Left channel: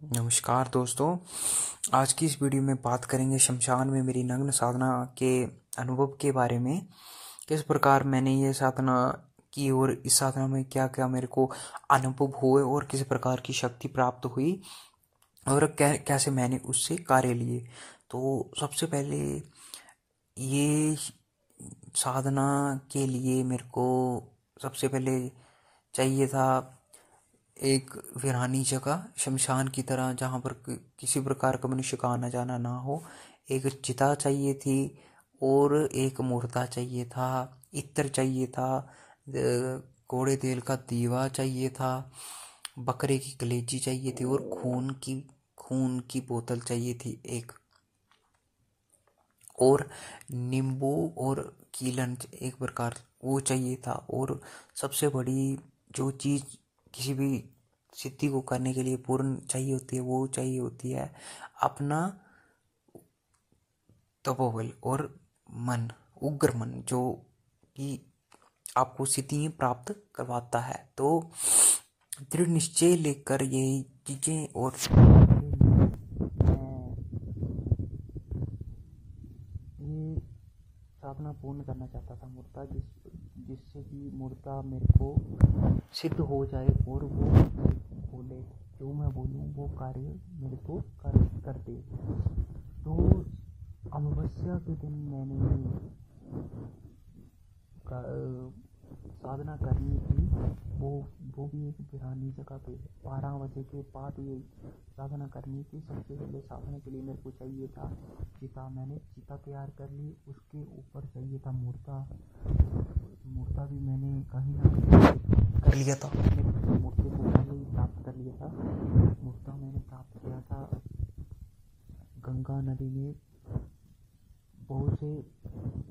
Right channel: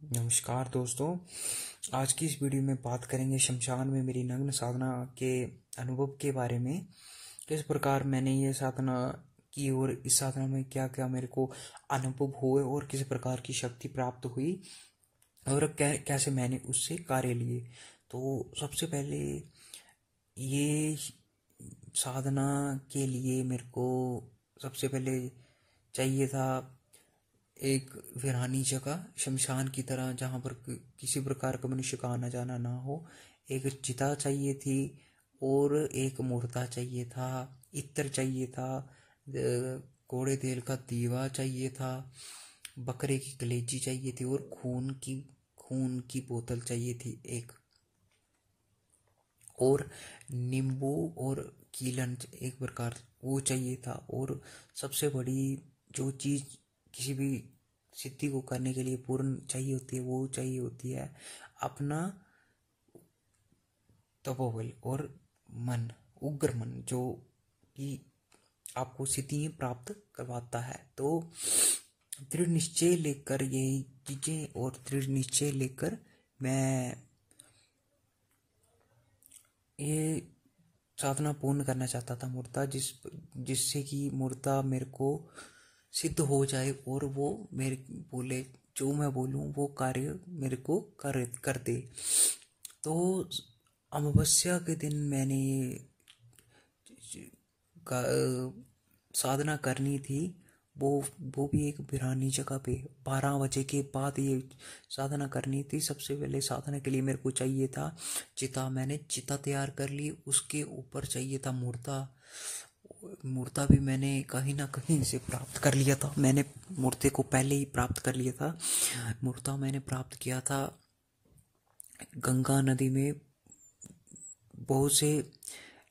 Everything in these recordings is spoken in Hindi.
नमस्कार दोस्तों। आज की इस वीडियो में बात करेंगे शमशान में मेरी नग्न साधना के अनुभव के बारे में। किस प्रकार मैंने ये साधना की और इस साधना में क्या क्या मेरे को अनुभव हुए और किस प्रकार की शक्ति प्राप्त हुई और कैसे मैंने उससे कार्य लिए। तो सबसे पहले ये साधना के लिए मेरे को सबसे पहले चाहिए था एक वीरानी जगह, शमशान की तरह, जहाँ पर किसी प्रकार का मनुष्य का आना जाना ना हो। एक चिता चाहिए थी और एक मुर्दा चाहिए था, इत्र चाहिए था, घोड़े तेल का दीवा चाहिए था, बकरे की कलेजी चाहिए थी और खून की बोतल चाहिए थी एक, और नींबू और कीलन एक प्रकार वो चाहिए था। और सबसे बड़ी जो चीज़ किसी भी सिद्धि को करने के लिए पूर्ण चाहिए होती है वो चाहिए होती है अपना तपोबल और मन, उग्र मन, जो कि आपको सिद्धि प्राप्त करवाता है। तो दृढ़ निश्चय लेकर यही चीज़ें और दृढ़ निश्चय लेकर मैं ये साधना पूर्ण करना चाहता था मूर्ता, जिससे कि मूर्ता मेरे को सिद्ध हो जाए और वो मेरे बोले जो मैं बोलूँ वो कार्य मेरे को कर दे। तो अमावस्या के दिन मैंने साधना करनी थी, वो भी एक वीरानी जगह पे 12 बजे के बाद ये साधना करनी थी। सबसे पहले साधना के लिए मेरे को चाहिए था चिता। मैंने चिता तैयार कर ली, उसके ऊपर चाहिए था मूर्ता भी मैंने कहीं ना कहीं से प्राप्त कर लिया था। मैंने मूर्ति को पहले ही प्राप्त कर लिया था। मूर्ता मैंने प्राप्त किया था गंगा नदी में। बहुत से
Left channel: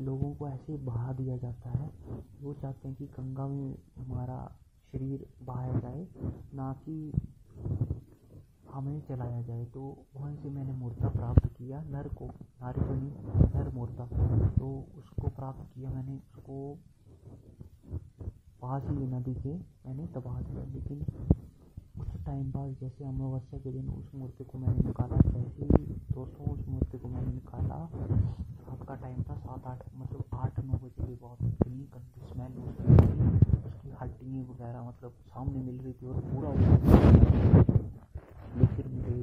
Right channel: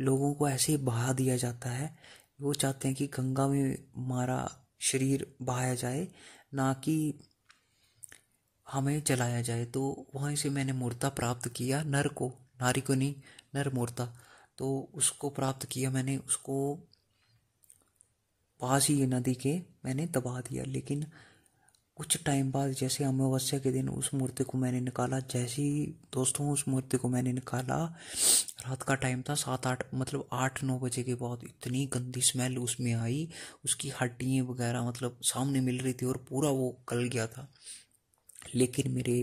लोगों को ऐसे ही बहा दिया जाता है, वो चाहते हैं कि गंगा में हमारा शरीर बहाया जाए, ना कि हमें जलाया जाए। तो वहीं से मैंने मूर्ता प्राप्त किया, नर को, नारी को नहीं, नर मूर्ता। तो उसको प्राप्त किया मैंने, उसको पास ही नदी के मैंने दबा दिया। लेकिन कुछ टाइम बाद जैसे अमावस्या के दिन उस मूर्ति को मैंने निकाला, जैसे ही दोस्तों उस मूर्ति को मैंने निकाला, रात का टाइम था, 7-8 मतलब 8-9 बजे के बाद इतनी गंदी स्मेल उसमें आई। उसकी हड्डियाँ वगैरह मतलब सामने मिल रही थी और पूरा वो गल गया था। लेकिन मेरे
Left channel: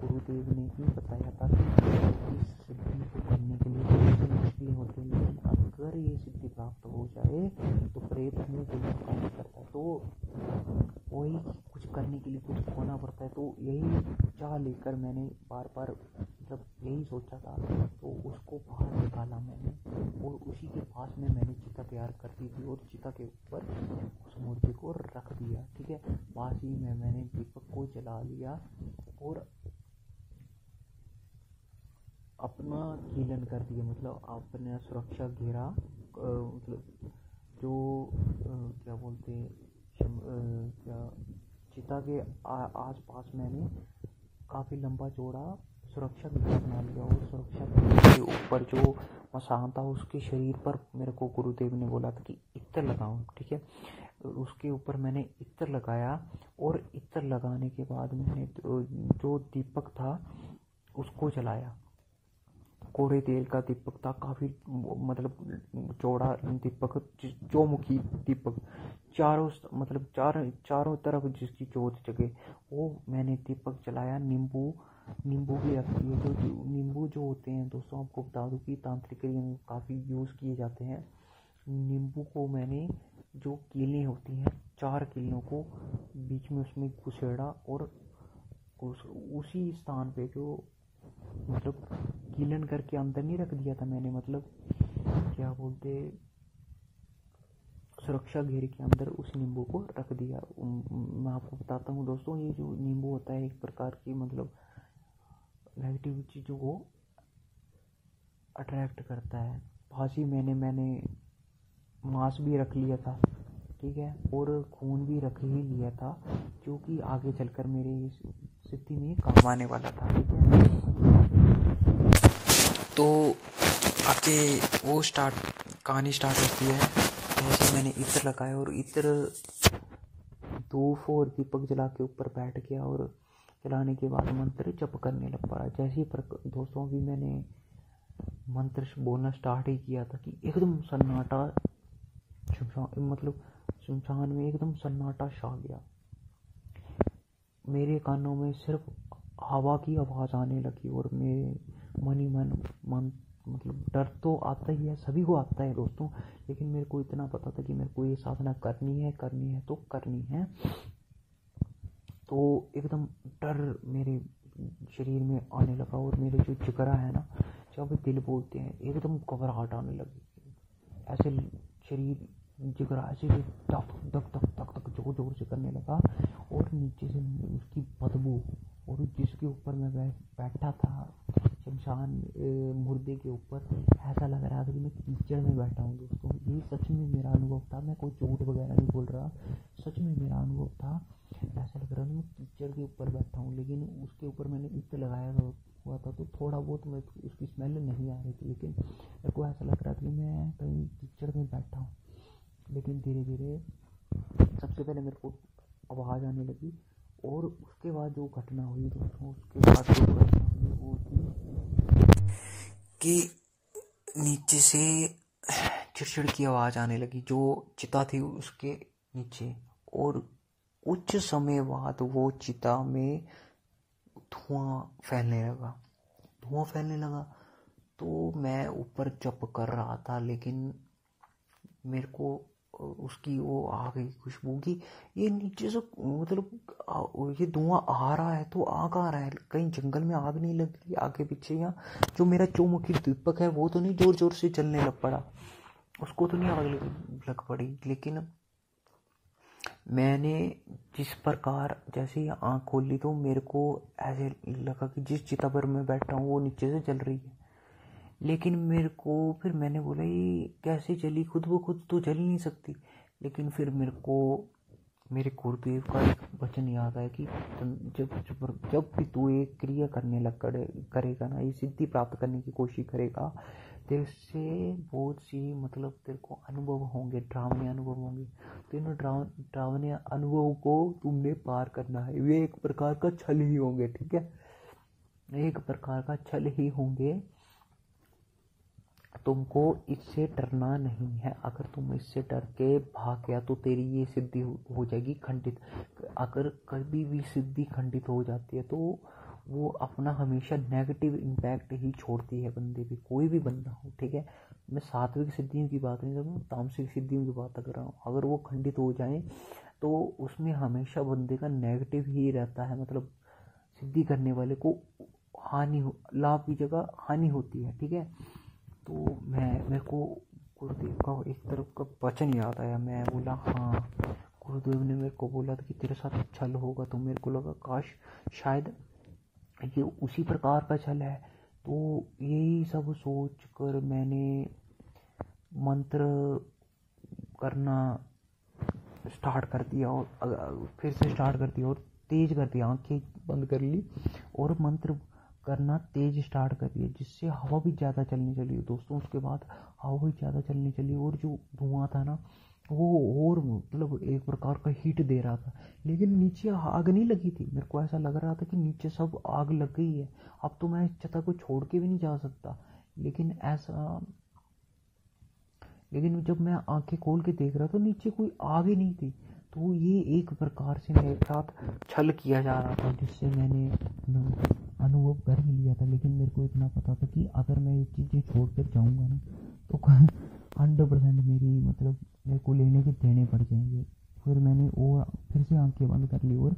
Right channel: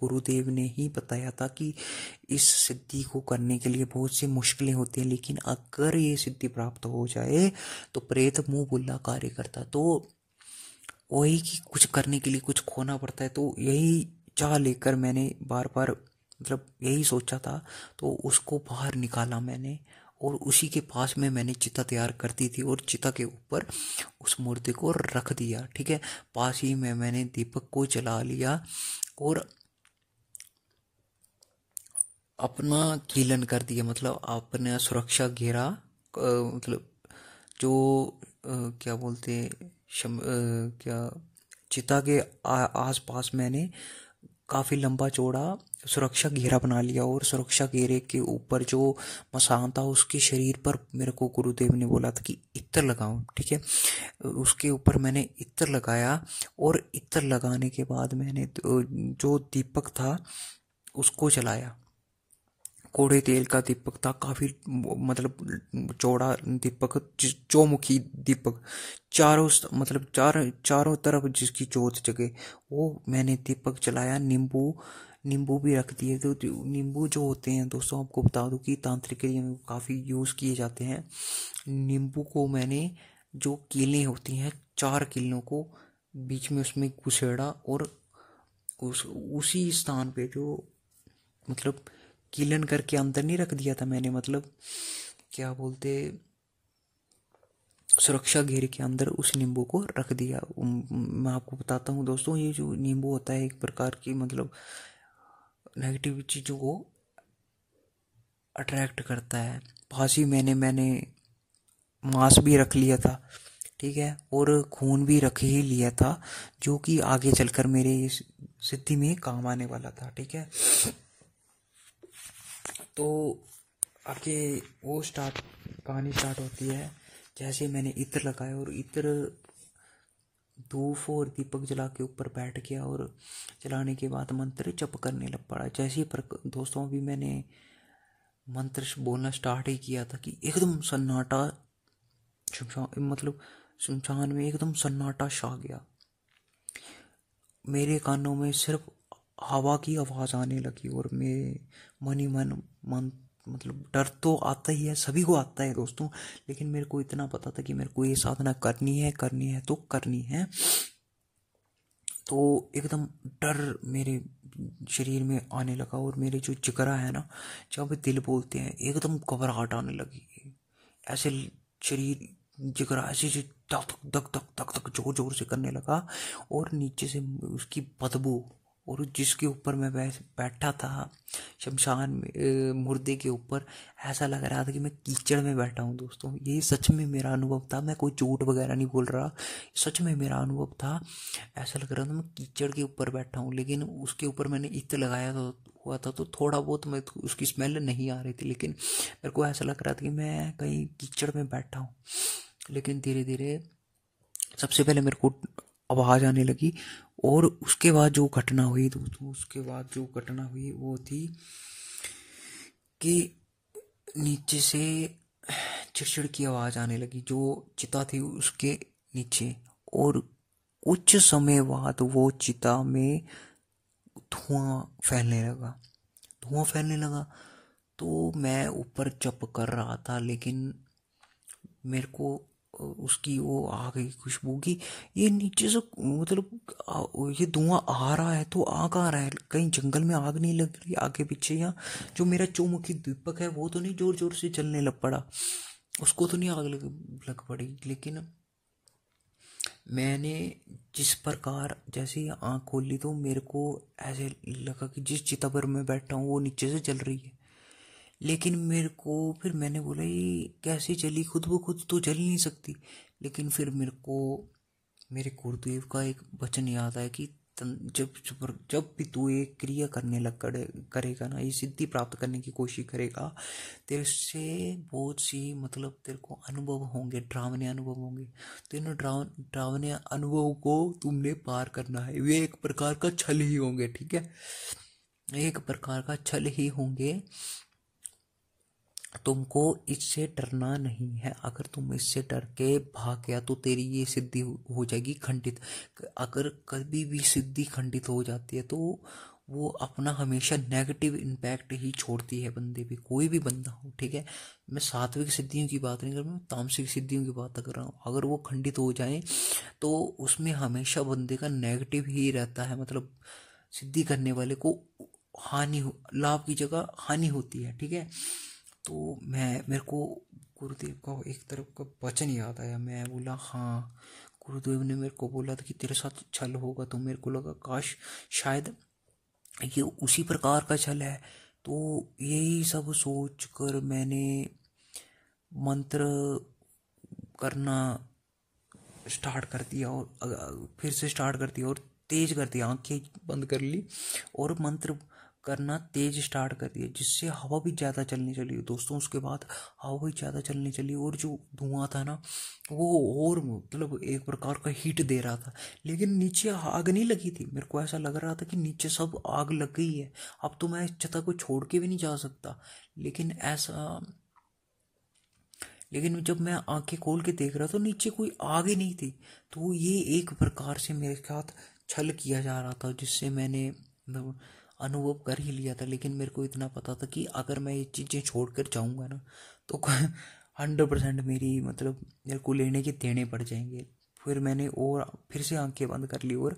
गुरुदेव ने ही बताया था कि इस सिद्धि को करने के लिए बहुत सी मुश्किलें होती हैं, लेकिन अगर ये सिद्धि प्राप्त हो जाए तो प्रेत मुंह बुल्ला कार्य करता। तो वही कि कुछ करने के लिए कुछ खोना पड़ता है। तो यही चाह लेकर मैंने बार बार मतलब यही सोचा था, तो उसको बाहर निकाला मैंने और उसी के पास में मैंने चिता तैयार करती थी और चिता के ऊपर उस मूर्ति को रख दिया। ठीक है, पास ही में मैंने दीपक को जला लिया और अपना कीलन कर दिया, मतलब अपना सुरक्षा घेरा, मतलब जो क्या बोलते क्या चिता के आस पास मैंने काफ़ी लंबा चौड़ा सुरक्षा घेरा बना लिया। और सुरक्षा घेरे के ऊपर जो मसान था उसके शरीर पर मेरे को गुरुदेव ने बोला था कि इत्र लगाऊं। ठीक है, उसके ऊपर मैंने इत्र लगाया और इत्र लगाने के बाद मैंने जो दीपक था उसको जलाया। कोड़े तेल का दीपक था, काफ़ी मतलब चौड़ा दीपक, चौमुखी दीपक, चारों तरफ जिसकी जोत जगे वो मैंने दीपक जलाया। नींबू भी रख दिए। तो नींबू जो होते हैं दोस्तों, आपको बता दूं कि तांत्रिक एरिया में काफ़ी यूज़ किए जाते हैं। नींबू को मैंने, जो कीलें होती हैं 4 कीलों को बीच में उसमें घुसेड़ा और उसी स्थान पे जो मतलब कीलन करके अंदर नहीं रख दिया था मैंने, मतलब क्या बोलते, सुरक्षा घेरे के अंदर उस नींबू को रख दिया। मैं आपको बताता हूँ दोस्तों, ये जो नींबू होता है एक प्रकार की मतलब नेगेटिव चीज़ों को अट्रैक्ट करता है। पास ही मैंने मांस भी रख लिया था, ठीक है, और खून भी रख ही लिया था, जो कि आगे चलकर मेरे इस सिद्धि में काम आने वाला था। ठीक है, तो आगे वो कहानी स्टार्ट होती है। जैसे मैंने इत्र लगाया और इत्र धूप और दीपक जला के ऊपर बैठ गया और चलाने के बाद मंत्र जप करने लग पड़ा। जैसे ही दोस्तों भी मैंने मंत्र बोलना स्टार्ट ही किया था कि एकदम सन्नाटा, मतलब सुनसान में एकदम सन्नाटा छा गया। मेरे कानों में सिर्फ हवा की आवाज़ आने लगी और मेरे मन ही मन मतलब डर तो आता ही है, सभी को आता है दोस्तों, लेकिन मेरे को इतना पता था कि मेरे को ये साधना करनी है तो करनी है। तो एकदम डर मेरे शरीर में आने लगा और मेरे जो जिगरा है ना, जब दिल बोलते हैं, एकदम घबराहट आने लगी। ऐसे शरीर जिगरा ऐसे धक धक धक धक धक जोर जोर से करने लगा और नीचे से उसकी बदबू, और जिसके ऊपर मैं बैठा था शमशान में, मुर्दे के ऊपर, ऐसा लग रहा था कि मैं कीचड़ में बैठा हूँ दोस्तों। ये सच में मेरा अनुभव था, मैं कोई झूठ वगैरह नहीं बोल रहा, सच में मेरा अनुभव था। ऐसा लग रहा था मैं कीचड़ के ऊपर बैठा हूँ, लेकिन उसके ऊपर मैंने इत्र लगाया हुआ था तो थोड़ा बहुत मैं उसकी स्मेल नहीं आ रही थी, लेकिन मेरे को ऐसा लग रहा था कि मैं कहीं कीचड़ में बैठा हूँ। लेकिन धीरे धीरे सबसे पहले मेरे को आवाज़ आने लगी, और उसके बाद जो घटना हुई दोस्तों, उसके बाद जो घटना हुई वो थी कि नीचे से चिड़चिड़ की आवाज़ आने लगी जो चिता थी उसके नीचे, और कुछ समय बाद वो चिता में धुआं फैलने लगा। तो मैं ऊपर जप कर रहा था, लेकिन मेरे को उसकी वो आ गई खुशबू की, ये नीचे से मतलब ये धुआं आ रहा है तो आ कहाँ रहा है, कहीं जंगल में आग नहीं लग रही आगे पीछे, या जो मेरा चौमुखी दीपक है वो तो नहीं जोर जोर से जलने लग पड़ा, उसको तो नहीं आग लग पड़ी। लेकिन मैंने जिस प्रकार जैसे ही आँख खोली तो मेरे को ऐसे लगा कि जिस चिता पर मैं बैठा हूँ वो नीचे से जल रही है। लेकिन मेरे को फिर मैंने बोला ये कैसे चली, खुद ब खुद तो चल नहीं सकती। लेकिन फिर मेरे को मेरे गुरुदेव का एक वचन याद है कि जब भी तू एक क्रिया करने करेगा ना, ये सिद्धि प्राप्त करने की कोशिश करेगा, तेरे से बहुत सी मतलब तेरे को अनुभव होंगे, डरावने अनुभव होंगे, तो इन डरावने अनुभव को तुमने पार करना है। वे एक प्रकार का छल ही होंगे, ठीक है, एक प्रकार का छल ही होंगे, तुमको इससे डरना नहीं है। अगर तुम इससे डर के भाग गया तो तेरी ये सिद्धि हो जाएगी खंडित। अगर कभी भी सिद्धि खंडित हो जाती है तो वो अपना हमेशा नेगेटिव इम्पैक्ट ही छोड़ती है बंदे पे, कोई भी बंदा हो, ठीक है। मैं सात्विक सिद्धियों की बात नहीं कर रहा, मैं तामसिक सिद्धियों की बात कर रहा हूँ। अगर वो खंडित हो जाए तो उसमें हमेशा बंदे का नेगेटिव ही रहता है, मतलब सिद्धि करने वाले को लाभ की जगह हानि होती है, ठीक है। तो मेरे को गुरुदेव का एक तरफ का वचन याद आया। मैं बोला हाँ, गुरुदेव ने मेरे को बोला था कि तेरे साथ छल होगा, तो मेरे को लगा काश शायद ये उसी प्रकार का छल है। तो यही सब सोच कर मैंने मंत्र करना स्टार्ट कर दिया, और फिर से स्टार्ट कर दिया और तेज कर दिया, आंखें बंद कर ली और मंत्र करना तेज स्टार्ट कर दिया, जिससे हवा भी ज़्यादा चलने चली दोस्तों। उसके बाद हवा भी ज़्यादा चलने चली और जो धुआं था ना वो और मतलब एक प्रकार का हीट दे रहा था, लेकिन नीचे आग नहीं लगी थी। मेरे को ऐसा लग रहा था कि नीचे सब आग लग गई है, अब तो मैं इस छता को छोड़ के भी नहीं जा सकता। लेकिन जब मैं आंखें खोल के देख रहा था तो नीचे कोई आग ही नहीं थी। तो ये एक प्रकार से मेरे साथ छल किया जा रहा था, जिससे मैंने अनुभव कर ही लिया था। लेकिन मेरे को इतना पता था कि अगर मैं ये चीज़ें छोड़ कर जाऊँगा ना तो 100% मेरे को लेने के देने पड़ जाएंगे। फिर मैंने और फिर से आंखें बंद कर ली और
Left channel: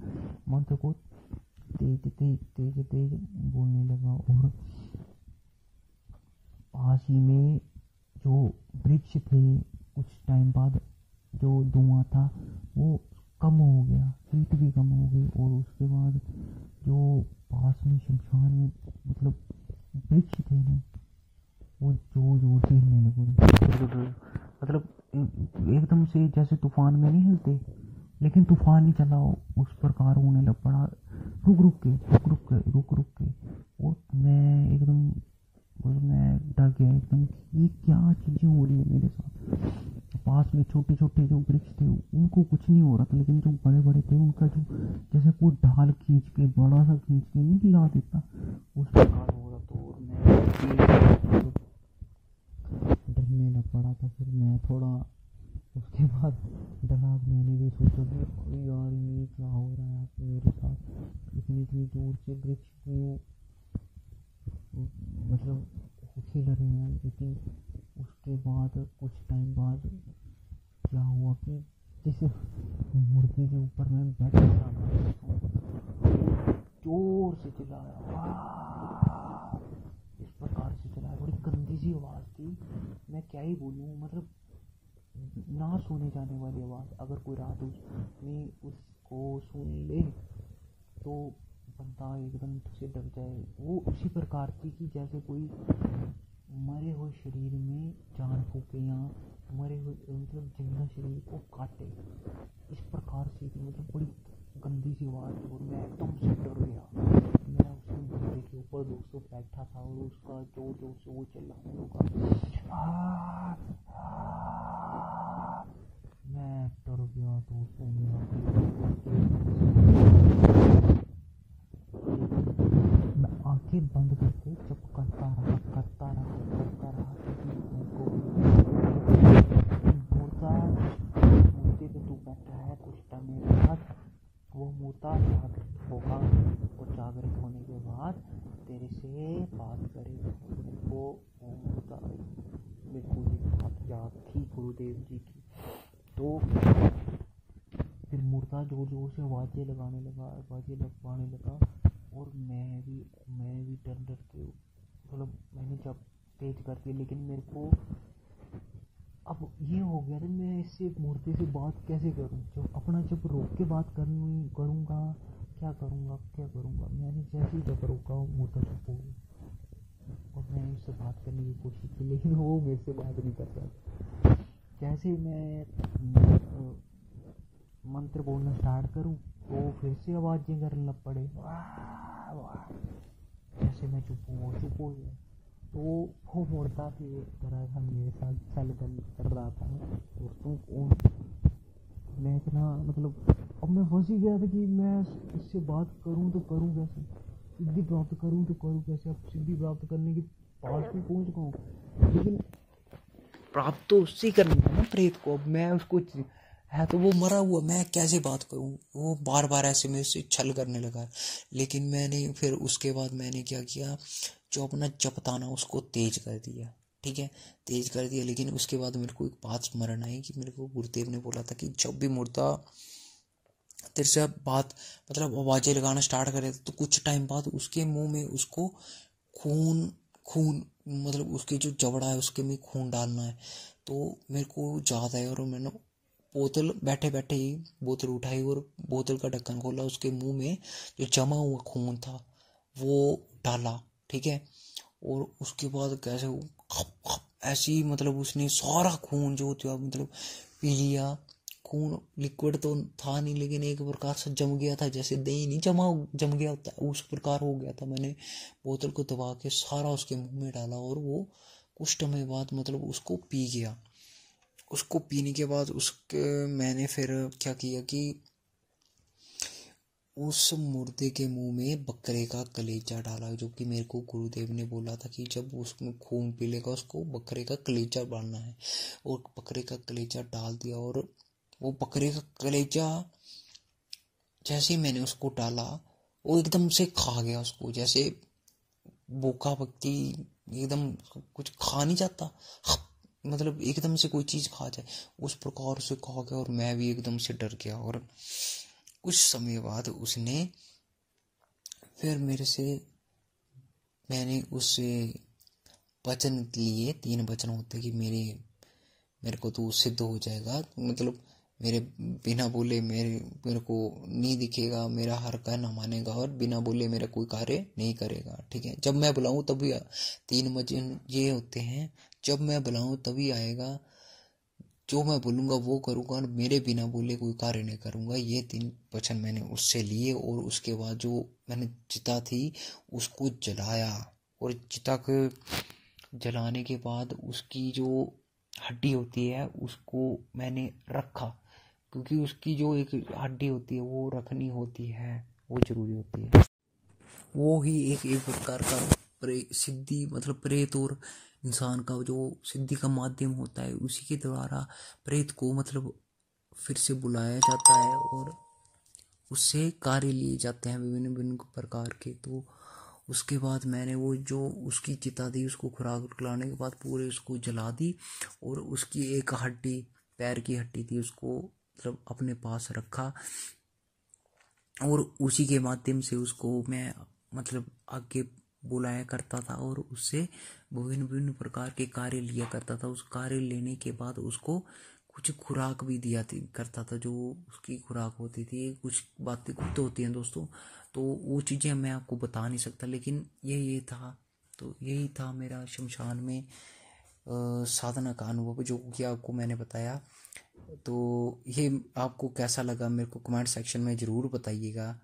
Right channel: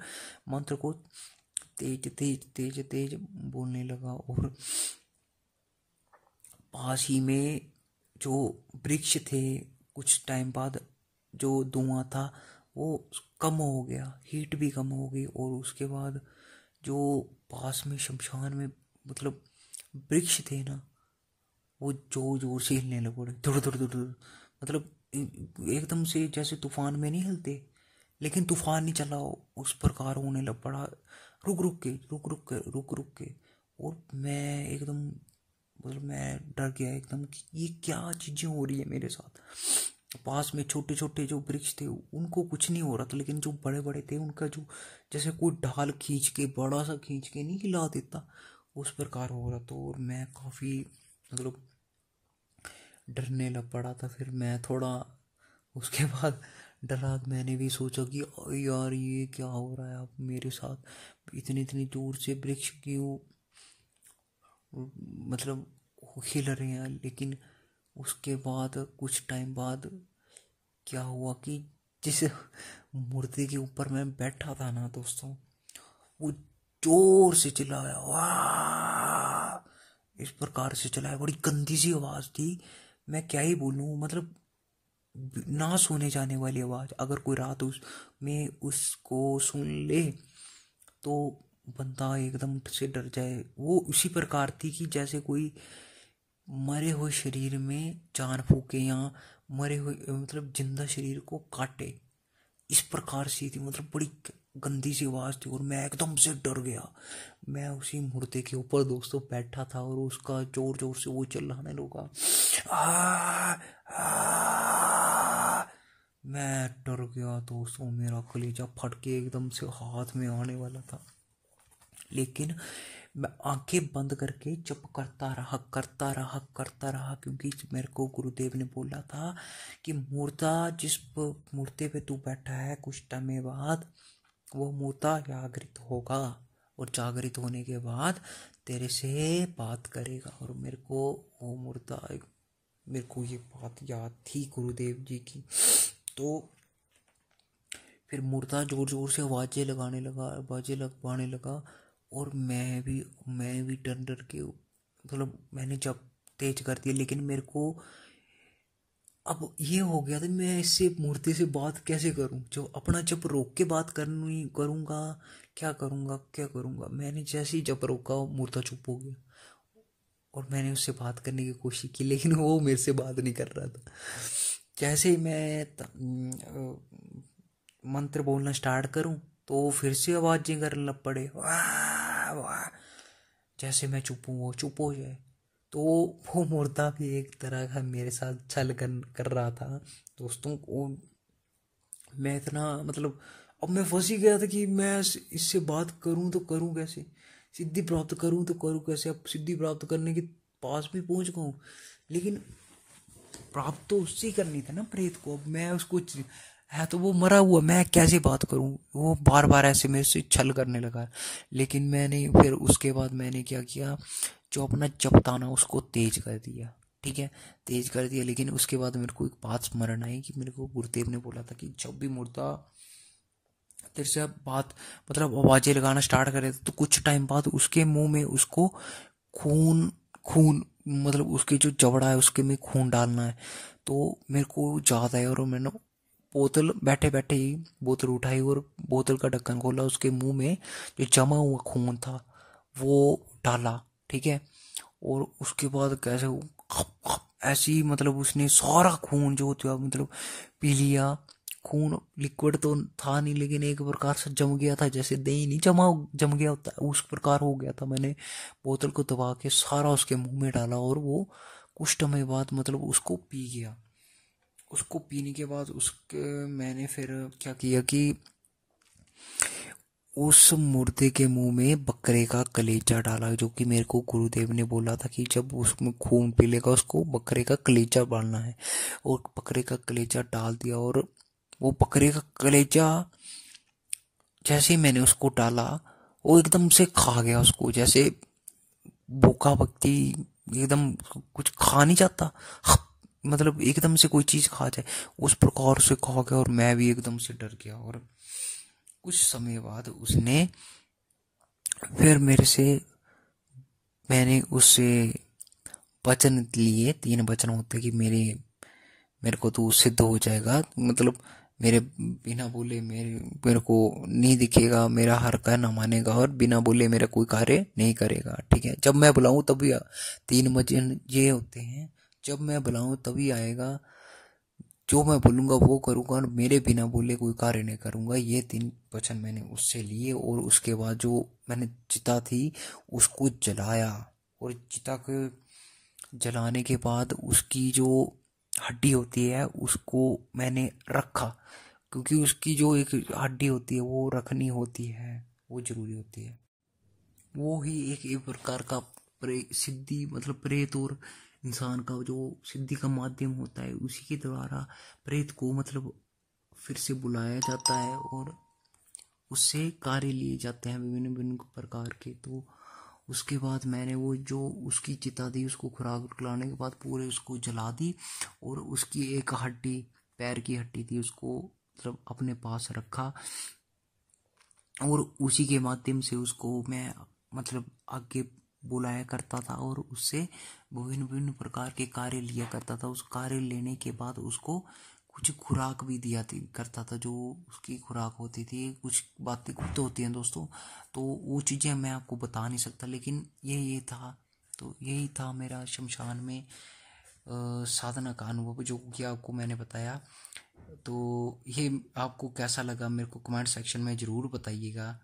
मंत्र को तेज तेज तेज तेज बोलने लगा, और पास ही में जो वृक्ष थे, कुछ टाइम बाद जो धुआं था वो कम हो गया, हीट भी कम हो गई, और उसके बाद जो पास में शमशान में मतलब वृक्ष थे ना वो जोर जोर से हिलने लगे, मतलब एकदम से जैसे तूफान में नहीं हिलते, लेकिन तूफान नहीं चला, उस प्रकार होने लग पड़ा, रुक रुक के। और मैं एकदम मैं डर गया एकदम कि ये क्या चीज़ें हो रही है मेरे साथ। पास में छोटे छोटे जो वृक्ष थे उनको कुछ नहीं हो रहा था, लेकिन जो बड़े बड़े थे उनका जो जैसे कोई ढाल खींच के बड़ा सा खींच के नहीं हिला देता, उस प्रकार हो रहा था। और मैं मतलब डरने लग पड़ा था। फिर मैं थोड़ा उसके बाद डरा, मैंने भी सोचा कि यार ये क्या हो रहा है अब मेरे साथ, इतनी इतनी दूर से वृक्ष क्यों मतलब हिल रहे हैं। लेकिन उसके बाद कुछ टाइम बाद क्या हुआ कि जिस मूर्ति के ऊपर मैं बैठा था ना दोस्तों, वो जोर से चिल्लाया, वाह, इस प्रकार से चिल्लाया, बड़ी गंदी सी आवाज़ थी। मैं क्या ही बोलूँ, मतलब ना सोने जाने वाली आवाज़। अगर कोई रात में उसको सुन ले तो बंदा एकदम से डर जाए। वो उसी प्रकार थी कि जैसे कोई मरे हुए शरीर में जान फूके या मरे हुए मतलब जिंदा शरीर को काटे, इस प्रकार से थी। मतलब बड़ी गंदी सी आवाज़ थी और मैं एकदम से डर गया। मैं उसी मुर्दे के ऊपर दोस्तों बैठा था और उसका जोर जोर से वो चिल्लाने लगा, मैं डर गया दोस्तों, मेरा कलेजा फट के एकदम से हाथ में आ गया। लेकिन मैं आंखें बंद करके चुप करता रहा, क्योंकि मेरे को गुरुदेव ने बोला था कि मूर्ता जिस मूर्ति पे तू बैठा है कुछ टाइम बाद वो मूर्ता जागृत होगा, और जागृत होने के बाद तेरे से बात करेगा। और मेरे को वो मूर्ता, मेरे को ये बात याद थी गुरुदेव जी की। तो फिर मूर्ता जोर जोर से आवाज़ें लगवाने लगा और मैं भी डर के मतलब मैंने जब तेज कर दिया। लेकिन मेरे को अब ये हो गया था, मैं इससे मूर्ति से बात कैसे करूं, जो अपना जब रोक के बात करूंगा, क्या करूंगा। मैंने जैसे ही जब रोका मूर्ता चुप हो गया और मैंने उससे बात करने की कोशिश की, लेकिन वो मेरे से बात नहीं कर रहा था। जैसे ही मैं मंत्र बोलना स्टार्ट करूं तो फिर से आवाज़ें करने लग पड़े, वाह वाह, जैसे मैं चुप हूँ वो चुप हो जाए। तो वो मुर्दा भी एक तरह का मेरे साथ छल कर रहा था दोस्तों। मैं इतना मतलब अब मैं फंस ही गया था कि मैं इससे बात करूं तो करूं कैसे, सिद्धि प्राप्त करूं तो करूं कैसे। अब सिद्धि प्राप्त करने के पास में पहुंच गया हूँ, लेकिन प्राप्त तो उससे करनी था ना प्रेत को। अब मैं उसको है तो वो मरा हुआ, मैं कैसे बात करूं। वो बार बार ऐसे मेरे से छल करने लगा। लेकिन मैंने फिर उसके बाद मैंने क्या किया, जो अपना जप था ना उसको तेज कर दिया, ठीक है, तेज कर दिया। लेकिन उसके बाद मेरे को एक बात स्मरण आई कि मेरे को गुरुदेव ने बोला था कि जब भी मुर्दा तेरे से बात मतलब आवाजें लगाना स्टार्ट करे तो कुछ टाइम बाद उसके मुंह में उसको खून खून मतलब उसके जो जबड़ा है उसके में खून डालना है। तो मेरे को याद आया और मैंने बोतल बैठे बैठे ही बोतल उठाई और बोतल का ढक्कन खोला, उसके मुंह में जो जमा हुआ खून था वो डाला, ठीक है। और उसके बाद कैसे ऐसी मतलब उसने सारा खून जो था मतलब पी लिया। खून लिक्विड तो था नहीं, लेकिन एक प्रकार से जम गया था, जैसे दही नहीं जम गया होता है उस प्रकार हो गया था। मैंने बोतल को दबा के सारा उसके मुंह में डाला और वो कुछ समय बाद मतलब उसको पी गया। उसको पीने के बाद उसके मैंने फिर क्या किया कि उस मुर्दे के मुंह में बकरे का कलेजा डाला, जो कि मेरे को गुरुदेव ने बोला था कि जब उसमें खून पी लेगा उसको बकरे का कलेजा डालना है। और बकरे का कलेजा डाल दिया और वो बकरे का कलेजा जैसे ही मैंने उसको डाला वो एकदम से खा गया उसको, जैसे भूखा व्यक्ति एकदम कुछ खा नहीं चाहता, मतलब एकदम से कोई चीज खा जाए उस प्रकार से खा गया। और मैं भी एकदम से डर गया। और कुछ समय बाद उसने फिर मैंने उससे वचन लिए, 3 वचन होते कि मेरे को तू सिद्ध हो जाएगा, मतलब मेरे बिना बोले मेरे को नहीं दिखेगा, मेरा हर कहना मानेगा और बिना बोले मेरा कोई कार्य नहीं करेगा, ठीक है। जब मैं बुलाऊं तभी 3 वचन ये होते हैं, जब मैं बुलाऊं तभी आएगा, जो मैं बोलूंगा वो करूंगा और मेरे बिना बोले कोई कार्य नहीं करूंगा। ये 3 वचन मैंने उससे लिए। और उसके बाद जो मैंने चिता थी उसको जलाया, और चिता को जलाने के बाद उसकी जो हड्डी होती है उसको मैंने रखा, क्योंकि उसकी जो एक हड्डी होती है वो रखनी होती है, वो जरूरी होती है। वो ही एक प्रकार का सिद्धि, मतलब प्रेत और इंसान का जो सिद्धि का माध्यम होता है, उसी के द्वारा प्रेत को मतलब फिर से बुलाया जाता है और उससे कार्य लिए जाते हैं विभिन्न विभिन्न प्रकार के। तो उसके बाद मैंने वो जो उसकी चिता थी उसको खुराक खिलाने के बाद पूरे उसको जला दी, और उसकी एक हड्डी, पैर की हड्डी थी, उसको मतलब अपने पास रखा, और उसी के माध्यम से उसको मैं मतलब आगे बुलाया करता था और उससे विभिन्न विभिन्न प्रकार के कार्य लिया करता था। उस कार्य लेने के बाद उसको कुछ खुराक भी दिया करता था, जो उसकी खुराक होती थी। कुछ बातें गुप्त होती हैं दोस्तों, तो वो चीज़ें मैं आपको बता नहीं सकता, लेकिन ये था। तो यही था मेरा शमशान में साधना का अनुभव, जो कि आपको मैंने बताया। तो ये आपको कैसा लगा मेरे को कमेंट सेक्शन में ज़रूर बताइएगा।